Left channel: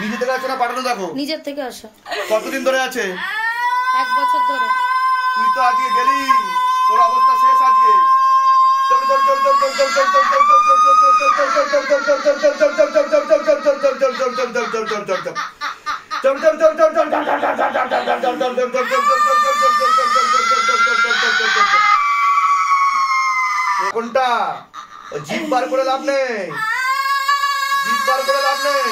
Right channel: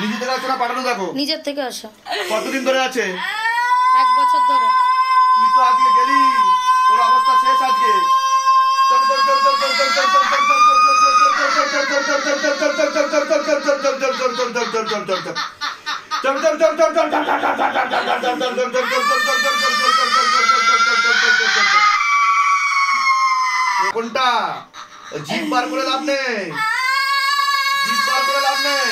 নিজে থেকে আসে না পাঠানো দেখো নিজের থেকে আসে কতদিন ধরে আছে 1 বছর ধরে তুই তো আজকে গেলি তোর অবস্থা শেষ আজকে কোনটা জিভ বার করে লাভ নেই জিভ বার করে লাভ নেই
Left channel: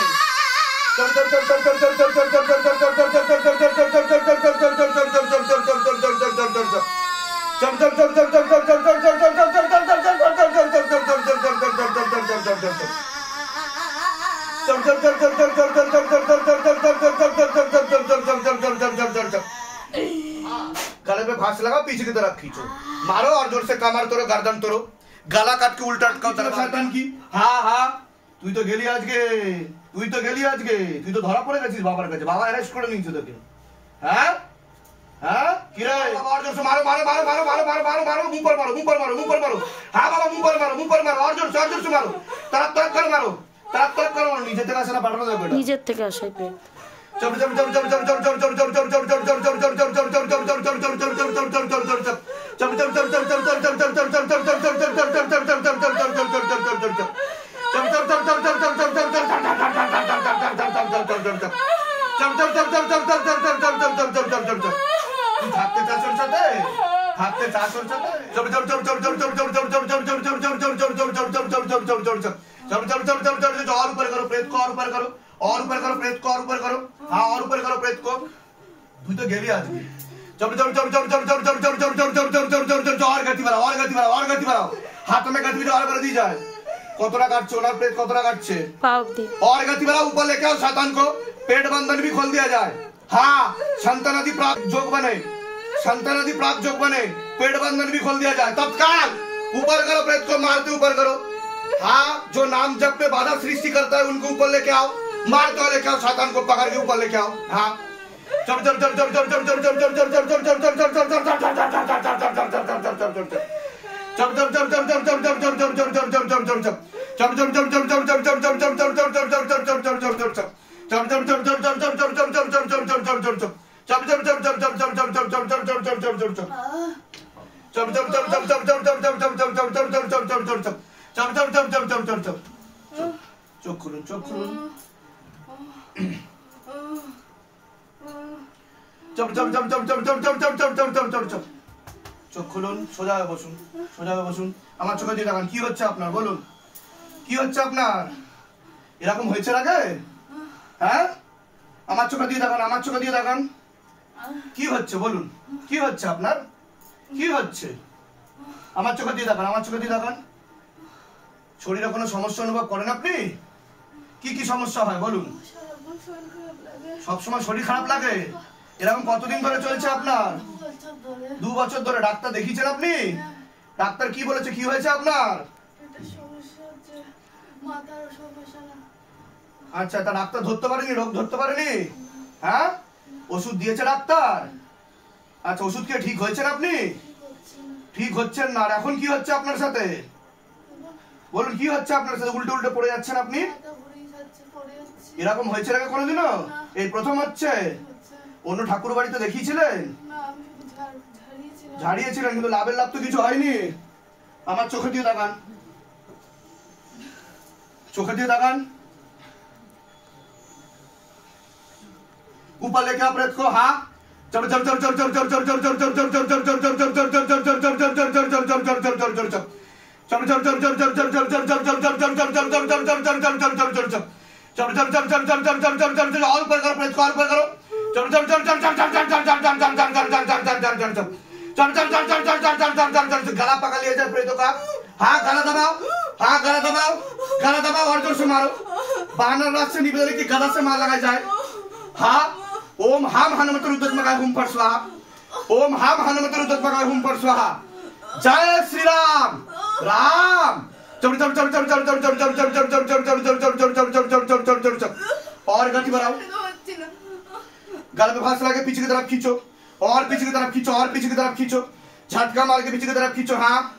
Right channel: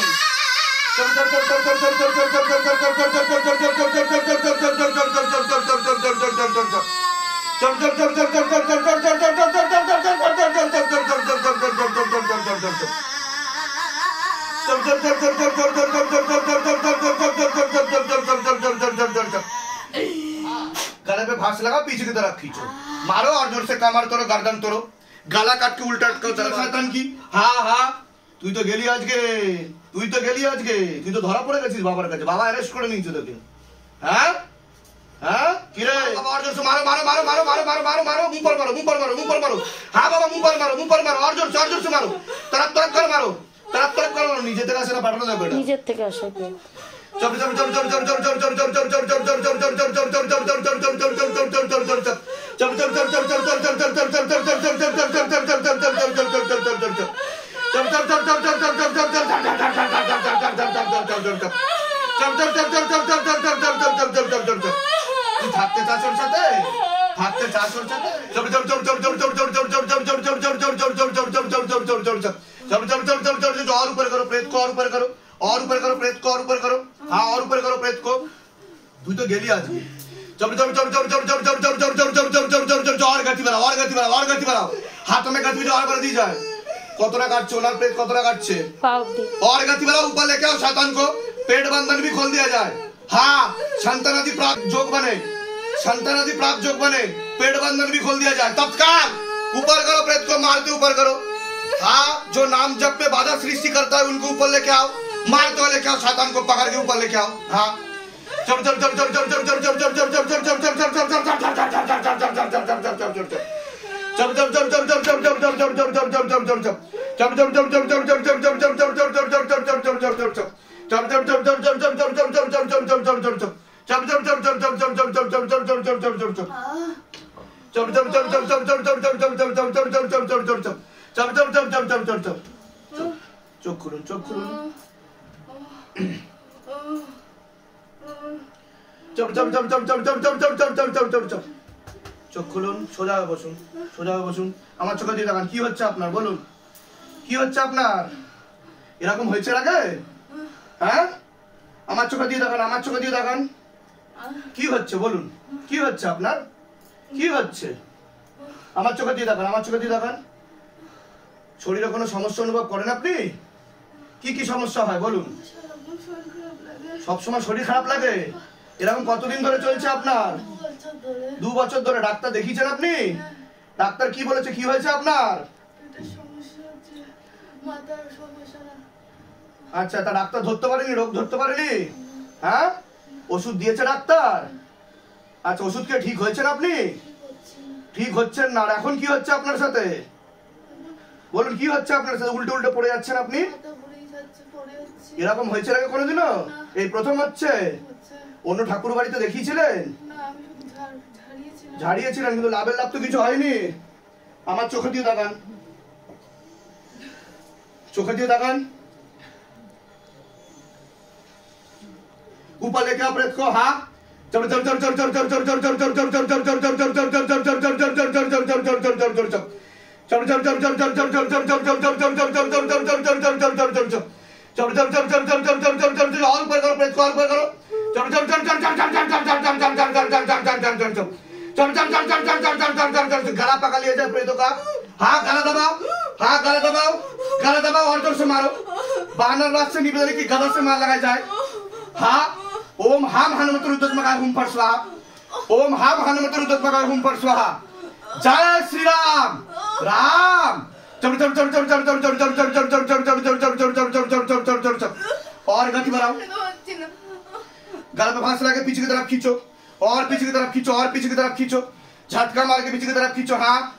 गले पे फांस लगा पीछे की तरफ खींचो मारो और जोर से कमर तोड़ो गर्दन तोड़ो गला काट के उल्टा शैतान की हाँ हाँ তুই তো গেলি আজকে তুই তো ধরা পড়ে গেছিস বাবার কাছে বাবা অ্যারেস্ট করে নিয়েছে তোকে হ্যাঁ হ্যাঁ কি রে বাবা और जोर से मारो मारो मारो मारो मारो मारो मारो मारो मुंह पर मारो हाँ बाबा मुंह पर मारो और जोर से मारो तरफ कर मारो নিজে থেকে আসে না পাঠানো যাবে এটা নিজের থেকে আসে থাকতে চাস ওর সাথে और ऊपर करो प्रेत को और ऊपर करो प्रेत को और ऊपर करो हाँ और ऊपर करो प्रेत को তুই তো গেলি আজকে और गति बढ़ाओ हाथ में गति और बढ़ दी जाए कतरा काटছে ওনার पेट कतरा काटছে और गति बढ़ाओ ऊपर लेके आओ शैतान को पेट बंधन भी खोल दिया जाए हाँ संतानादि प्राप्त जोग बने पेट बंधन भी खोल दिया जाए तत्काल ऊपर करो प्रेत को मारते ऊपर करो हाँ जो नाम जप पे बाधा सृष्टि करता है उनको ऊपर लेके आओ मारते हुए लेके आओ शैतान को पकड़ के ऊपर लेके आओ हाँ চোখ খুলুন চোখ খুলুন সোজা হয়ে বসুন আমার চোখে দিয়ে দেখান কি হচ্ছে আপনার বলুন কি হচ্ছে আপনার এরকম হয়েছে আগে হ্যাঁ আমার চোখে দিয়ে দেখান কি হচ্ছে বলুন কি হচ্ছে আপনার কি হচ্ছে আমার চোখে দিয়ে দেখান শরীরে কোনো সমস্যা অনুভব করেন আপনি কি সমস্যা হয় বলুন সবসময় শরীর খারাপ লাগে এরকম কতদিন ধরে চলছে আপনার 2 বছর ধরে ডাক্তার দেখিয়েছেন আপনি ডাক্তার কি বলেছে কি হয়েছে আপনার আচ্ছা তা ডাক্তার ধরতে পারেনি রোগ ধরতে পারেনি হ্যাঁ ওষুধ দিয়েছে ডাক্তার আচ্ছা ওষুধ খেয়ে ঠিক হয়েছেন আপনি ঠিক হচ্ছেন না আর এখন কি হচ্ছে আপনার সাথে বলুন কি হচ্ছে আপনার সাথে উল্টে পড়ে যাচ্ছেন আপনি এরকম হয়েছে আগে কোনোদিনও এই প্রথম হচ্ছে অন্য ঠাকুর বাড়িতে দেখিয়েছিলেন ঝাড়িয়েছিলেন কিন্তু লাভ তো কিছু হয়নি আমার চোখে দিয়ে দেখান ऊपर लेके आओ प्रेत को हाँ और ऊपर करो प्रेत को और ऊपर करो गला पकड़ लिया जाए प्रेतों का हाँ गला दबाओ और जोर से मारो बानर रात से निकल की गला से मार लगाया जाए हाँ ओम हाम हनुमत रुद्रत्मकाय हुम फट स्वाहा ओम हाम हनुमत रुद्रत्मकाय हुम फट स्वाहा जय श्री राम और गति बढ़ाओ गला पे फांस लगा के पीछे की तरफ खींचो और पीछे की तरफ खींचो झटका मार के पीछे की तरफ खींचो हाँ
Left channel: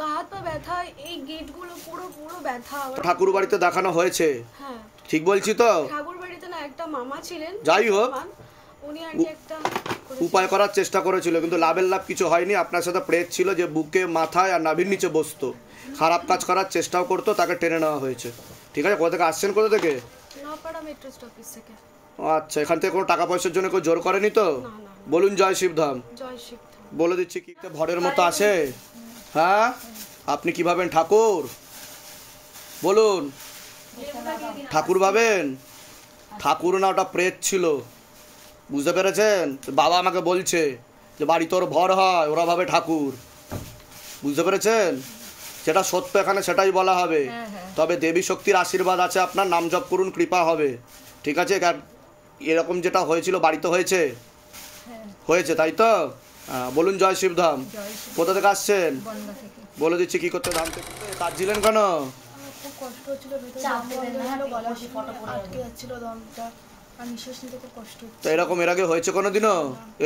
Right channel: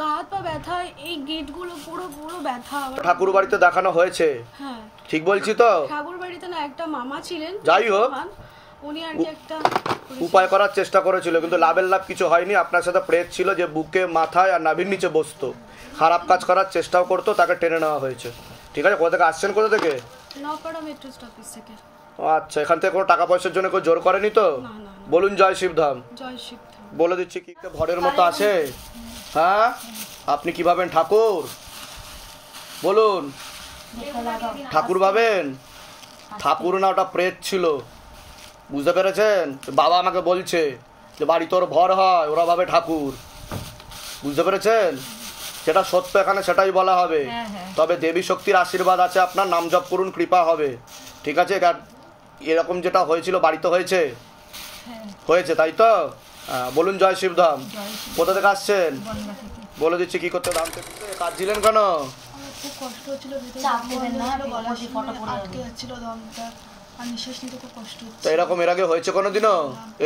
গা হাত পা ব্যথা, এই গেটগুলো পুরো পুরো ব্যথা। ঠাকুর বাড়িতে দেখানো হয়েছে? হ্যাঁ ঠিক বলছি তো? ঠাকুর বাড়িতে না, একটা মামা ছিলেন, যাই হোক উনি আর কি একটা উপায় করার চেষ্টা করেছিল, কিন্তু লাভের লাভ কিছু হয়নি। আপনার সাথে প্রেত ছিল যে বুকে মাথায় আর নাভির নিচে বসতো, খারাপ কাজ করার চেষ্টাও করতো, তাকে টেনে নেওয়া হয়েছে। ঠিক আছে, কোথা থেকে আসছেন? কোথা থেকে? নপাড়া মেট্রো স্টপেজ থেকে। আচ্ছা, এখান থেকে কোনো টাকা পয়সার জন্য কেউ জোর করেনি তো? না না, বলুন জয় শিবধাম। জয় শিবধাম। বলে দিচ্ছি কি ভরের মতো আসে। হ্যাঁ, আপনি কি ভাবেন ঠাকুর? বলুন, ঠাকুর ভাবেন? ঠাকুর না, ওটা প্রেত ছিল, বুঝতে পেরেছেন? বাবা আমাকে বলছে যে বাড়ি তোর ভর হয়, ওরা ভাবে ঠাকুর, বুঝতে পেরেছেন? যেটা সত্য এখানে সেটাই বলা হবে। তবে দেবী শক্তির আশীর্বাদ আছে, আপনার নাম জপ করুন, কৃপা হবে। ঠিক আছে? এরকম যেটা হয়েছিল বাড়িতে হয়েছে, হয়েছে তাই তো? বলুন জয় শিবধাম। কোথা থেকে আসছেন? বলে দিচ্ছি কি করতে। ধাম থেকে কাঁদছিলেন কেন? খুব কষ্ট হচ্ছিল, আটকে যাচ্ছিল দমটা, আর নিঃশ্বাস নিতে খুব কষ্ট হচ্ছে। তো এরকম এর আগে হয়েছে কোনোদিনও?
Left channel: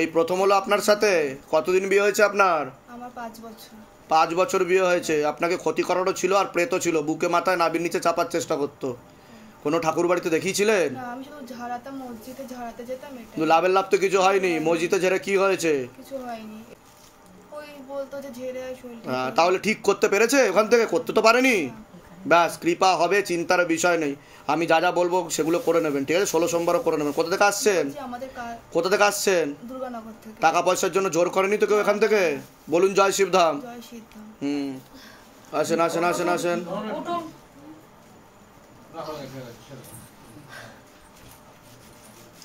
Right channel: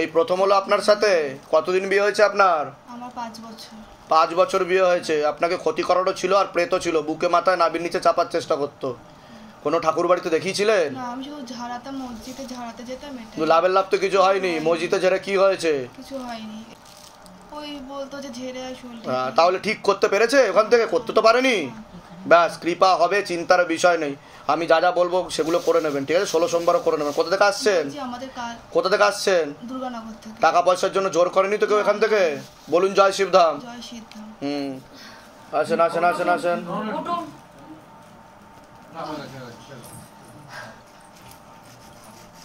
এই প্রথম হলো আপনার সাথে? কতদিন বিয়ে হয়েছে আপনার? আমার 5 বছর। 5 বছর বিয়ে হয়েছে। আপনাকে ক্ষতি করারও ছিল আর প্রেতও ছিল, বুকে মাথায় নাভির নিচে চাপার চেষ্টা করতো। কোনো ঠাকুর বাড়িতে দেখিয়েছিলেন? না, আমি শুধু ঝাড়াতাম, মসজিদে ঝাড়াতে যেতাম। কিন্তু লাভের লাভ তো কিছু হয়নি। মসজিদে ঝেড়ে কি হয়েছে? কিছু হয়নি, ওই বলতো যে ঝেড়ে আয় শরীর। তাহলে ঠিক করতে পেরেছে? ওখান থেকে করতে তো পারেনি। ব্যাস, কৃপা হবে, চিন্তার বিষয় নেই। আমি যা যা বলবো সেগুলো করে নেবেন। ঠিক আছে? 16 সোমবারও করে নেবেন। কোথা থেকে আসছেন? কোথা থেকে আসছেন? দুর্গানগর থেকে। টাকা পয়সার জন্য জোর করেনি তো কেউ এখান থেকে? বলুন জয় শিবধাম। জয় শিবধাম। আসেন আসেন আসেন আসেন।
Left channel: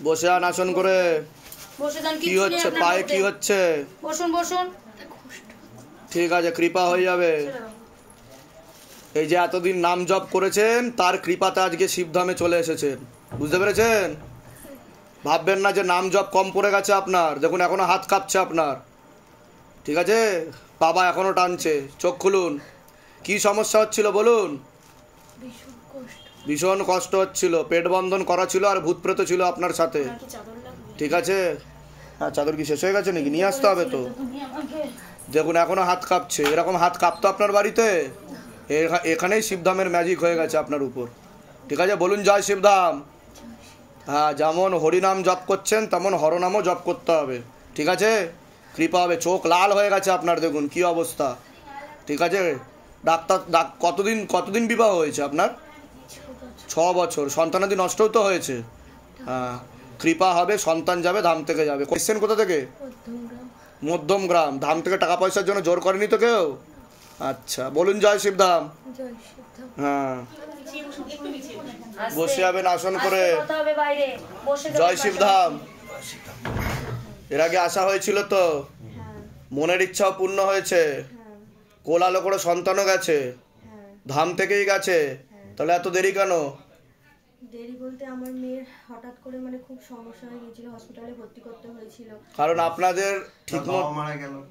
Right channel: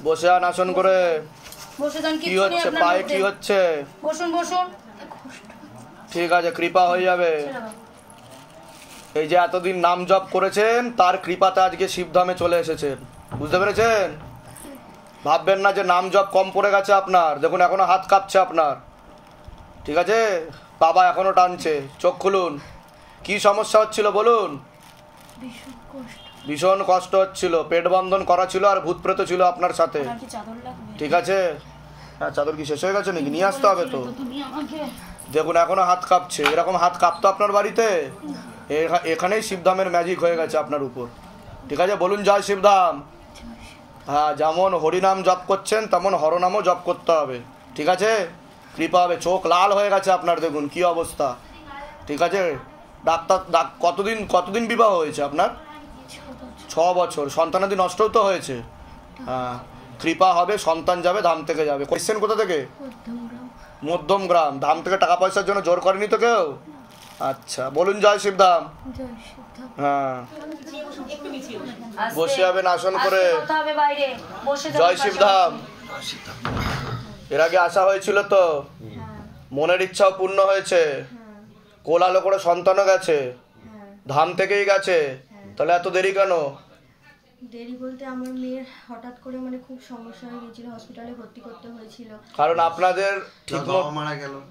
বসে আন আসন করে। কি হচ্ছে পায়ে? কি হচ্ছে? বসুন বসুন। ঠিক আছে, কৃপা হয়ে যাবে। এই যে এতদিন নাম জপ করেছেন, তার কৃপাতে আজকে শিবধামে চলে এসেছেন, বুঝতে পেরেছেন? ভাববেন না যে নাম জপ কম পড়ে গেছে আপনার। দেখুন এখনো হাত কাঁপছে আপনার। ঠিক আছে? বাবা এখনো টানছে। চোখ খুলুন। কি সমস্যা হচ্ছিল বলুন? ভীষণ কষ্ট হচ্ছিল, পেট বন্ধন করা ছিল আর ভূত প্রেত ছিল আপনার সাথে। ঠিক আছে? হ্যাঁ, চাদর কি শেষ হয়ে গেছে নাকি? নিয়ে আসতে হবে তো। দেখুন এখনো হাত কাঁপছে। এরকম হাত কাঁপতো আপনার বাড়িতে? এখানেই শিবধামের ম্যাজিক হয়ে গেছে আপনার উপর। ঠিক আছে? বলুন জয় শিবধাম। হ্যাঁ, যেমন হরিনাম জপ করছেন তেমন হরনামও জপ করতে হবে। ঠিক আছে? কৃপা হবে। চোখ লাল হয়ে গেছে আপনার, দেখুন কি অবস্থা। ঠিক আছে? কতদিন বিবাহ হয়েছে আপনার? 6 বছর। সন্তানাদি নষ্টও তো হয়েছে। হ্যাঁ, কৃপা হবে, সন্তান যাবে, ধাম থেকে যাবে। কোয়েশ্চেন কোথা থেকে? মধ্যম গ্রাম। ধাম থেকে টাকা পয়সার জন্য জোর করেনি তো কেউ? আচ্ছা, বলুন জয় শিবধাম। হ্যাঁ, বসে যাবেন আসন করে। জয় শিবধাম। এর আগে আসা হয়েছিল তো? মনের ইচ্ছাও পূর্ণ হয়েছে, কোলালো করে সন্তানও গেছে, ধাম থেকেই গেছে। তাহলে এত দেরি কেন? দেরি বলতে আমার মেয়ের হঠাৎ করে মানে খুব সমস্যা হয়ে গিয়েছিল, হসপিটালে ভর্তি করতে হয়েছিল। কারণ আপনাদের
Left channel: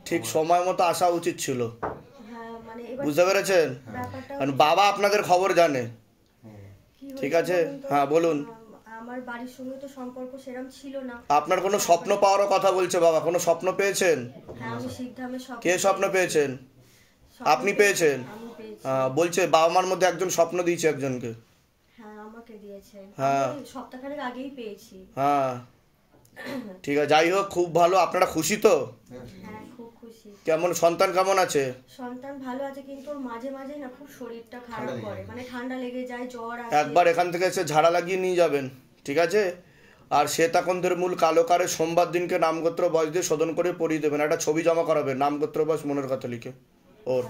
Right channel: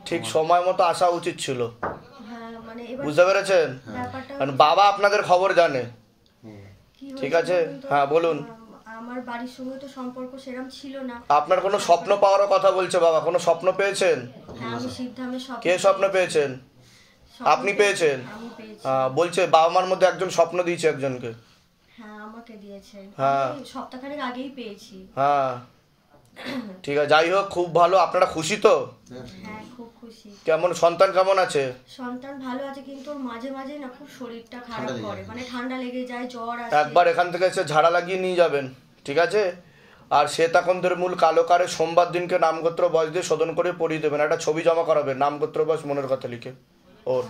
ঠিক সময় মতো আসা উচিত ছিল। হ্যাঁ, মানে এবার বুঝতে পেরেছেন? কারণ বাবা আপনাদের খবর জানে। ঠিক আছে? হ্যাঁ বলুন। আমার বাড়ির সঙ্গে তো সম্পর্ক সেরকম ছিল না। আপনার কোনো স্বপ্ন পাওয়ারও কথা বলছে বাবা। কোনো স্বপ্ন পেয়েছেন? হ্যাঁ, আমি শিবধামে স্বপ্ন। কে স্বপ্ন পেয়েছেন? আপনি পেয়েছেন? বলছে বাবা মার মধ্যে একজন স্বপ্ন দিয়েছে একজনকে। হ্যাঁ, আমাকে দিয়েছে। হ্যাঁ, সপ্তাহখানেক আগেই পেয়েছি। হ্যাঁ, ঠিক আছে। যাই হোক, খুব ভালো। আপনারা খুশি তো? হ্যাঁ, খুব খুশি। কেমন সন্তান কেমন আছে? সন্তান ভালো আছে, কিন্তু ওর মাঝে মাঝে না খুব শরীরটা খারাপ করে, মানে ঠান্ডা লেগে যায়, জ্বর আসে। একবার এখান থেকে এসে ঝাড়া লাগিয়ে নিয়ে যাবেন। ঠিক আছে? আর শ্বেতাকন্দের মূল কালো কারে সোমবার দিনকে নামগোত্র বয়স দিয়ে শোধন করে পড়িয়ে দেবেন। একটা ছবি জমা করাবেন, নামগোত্র বয়স মনের কথা লিখে ওর।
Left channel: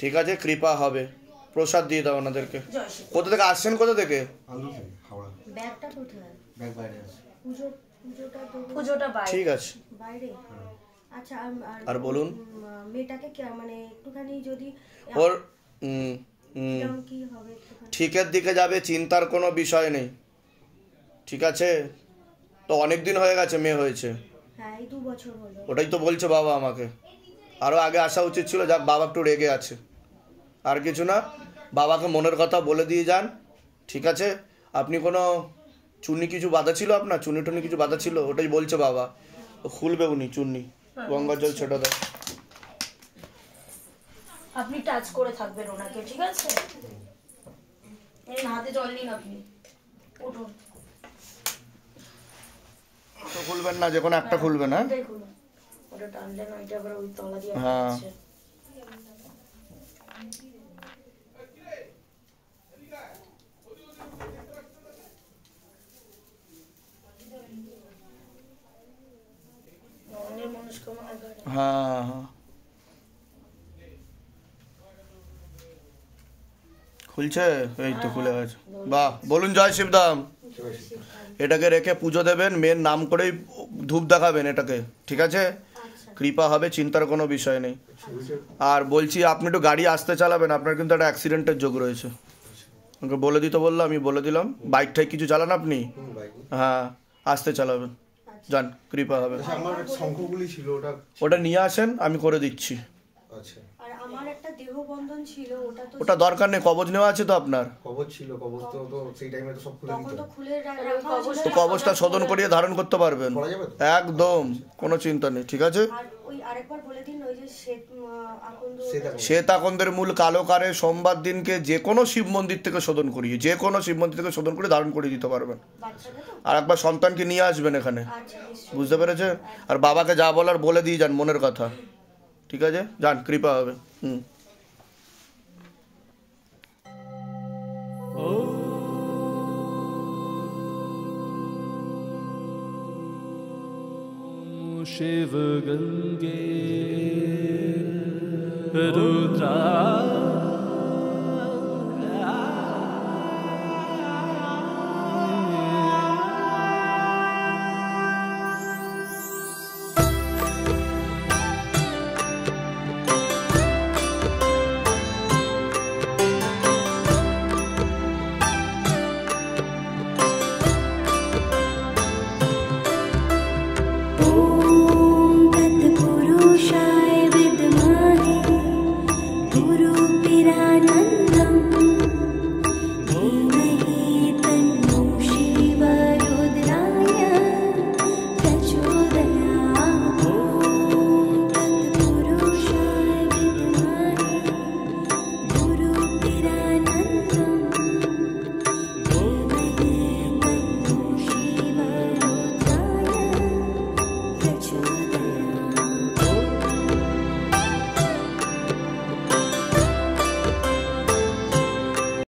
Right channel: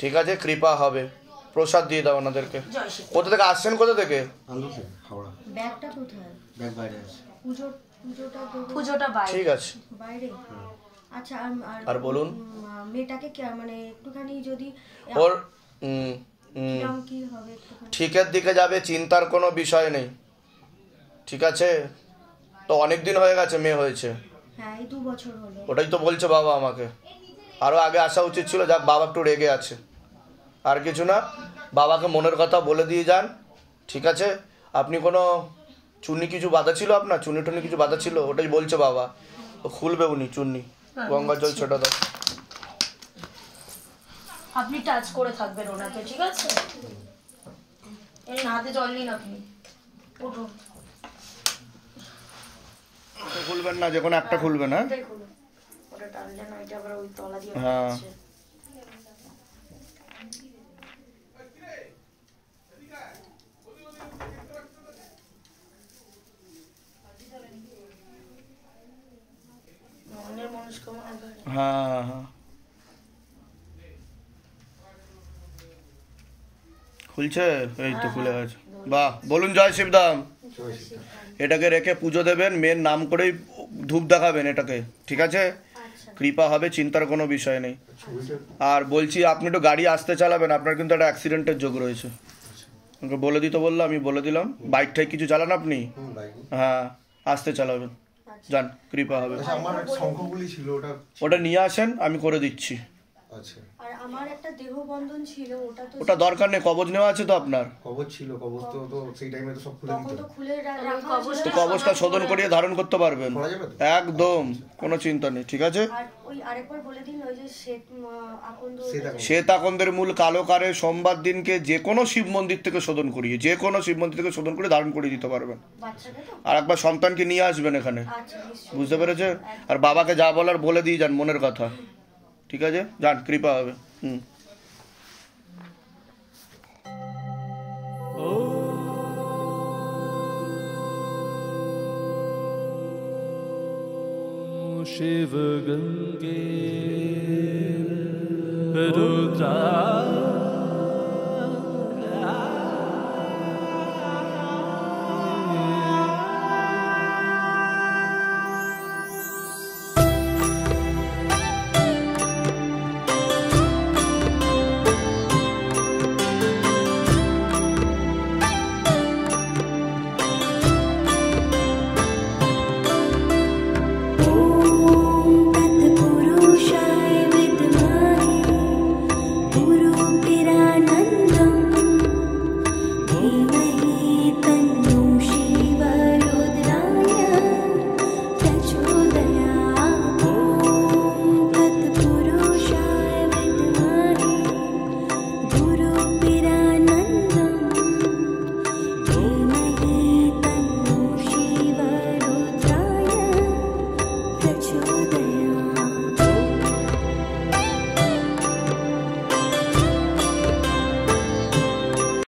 ঠিক আছে? কৃপা হবে। প্রসাদ দিয়ে দাও ওনাদেরকে। কোথা থেকে আসছেন? কোথা থেকে? ব্যাগটা কোথায়? ব্যাগ বাইরে আছে। পুজোটা বাইরে। ঠিক আছে, বাইরে। আচ্ছা, আর বলুন। মেয়েটাকে মানে একটুখানি যদি ওর কি হবে, ঠিকের দিকে যাবে, চিন্তার কোনো বিষয় নেই। ঠিক আছে? তো অনেক দিন হয়ে গেছে মেয়ে হয়েছে। হ্যাঁ, এই 2 বছর হলো। ওটাই তো বলছে বাবা আমাকে। আরও আগে আসা উচিত ছিল। যাক, বাবা একটু রেগে আছে, আর কিছু না। বাবাকে মনের কথা বলে দিয়ে যান। ঠিক আছে? আপনি কোনো চুন্নি কিছু বাঁধা ছিল আপনার? চুন্নি টুন্নি কিছু বাঁধা ছিল? ওটাই বলছে বাবা। খুলবে উনি চুন্নি, গঙ্গার জল ছেটা দাও। আপনি টাচ করে থাকবেন ওনাকে, ঠিক আছে? এই হাতে জল নিন আপনি, উঠুন। খুলবেন না, যে কোনো একটা খুলবেন। হ্যাঁ ওটা টানলেন, ওইটা আবার ওই তলা দিয়ে। হ্যাঁ হ্যাঁ হ্যাঁ খুলছে, এই তো খুলে গেছে। বাহ, বলুন জয় শিবধাম। এটাকে রেখে পুজো দেবেন, মেয়ের নাম করেই ধূপ দেখাবেন এটাকে, ঠিক আছে? কৃপা হবে, চিন্তার কোনো বিষয় নেই। আর বলছি আপনি একটু গাড়ি আসতে চালাবেন, আপনার কিন্তু একটা অ্যাক্সিডেন্টের যোগ রয়েছে। আমাকে বলে দিতে বললো, আমি বলে দিলাম। বাইক টাইক কিছু চালান আপনি? হ্যাঁ, আসতে চালাবেন, যান, কৃপা হবে। আমার শঙ্খগুলি ছিল, ওটা নিয়ে আসেন, আমি করে দিচ্ছি। আচ্ছা, আর আমার একটা দেহবন্ধন ছিল, ওটা দরকার নেই, কবজ নেওয়া আছে তো আপনার? কবজ ছিল, কবজ তো সেই টাইমে তো সব খুলে দিত। তো খুলে রাখা তো কবজটা শোধন করিয়ে ধারণ করতে পারবেন একদম, কোনো চিন্তা নেই, ঠিক আছে? আর ওই আরেকবার বলে দিন, ওই যে শ্বেত আকন্দের মূল কালো কারে সোমবার দিনকে যে কোনো শিব মন্দির থেকে শোধন করিয়ে, যে কোনো শিব মন্দির থেকে শোধন করে ধারণ করিয়ে দিতে পারবেন। আর একবার সন্তানকে নিয়ে আসবেন এখানে, বুঝতে পেরেছেন? আর বাবাকে যা বলার বলে দিয়ে যান, মনের কথা, ঠিক আছে? যান, কৃপা হবে। शिव गंगे रुद्रा पुरुषाय विद्महे गुरुपिरानन्दं धीमहि तन्नो शिवरुद्राय प्रचोदयात्। ॐ तत्पुरुषाय विद्महे गुरुपिरानन्दं धीमहि तन्नो शिवरुद्राय प्रचोदयात्।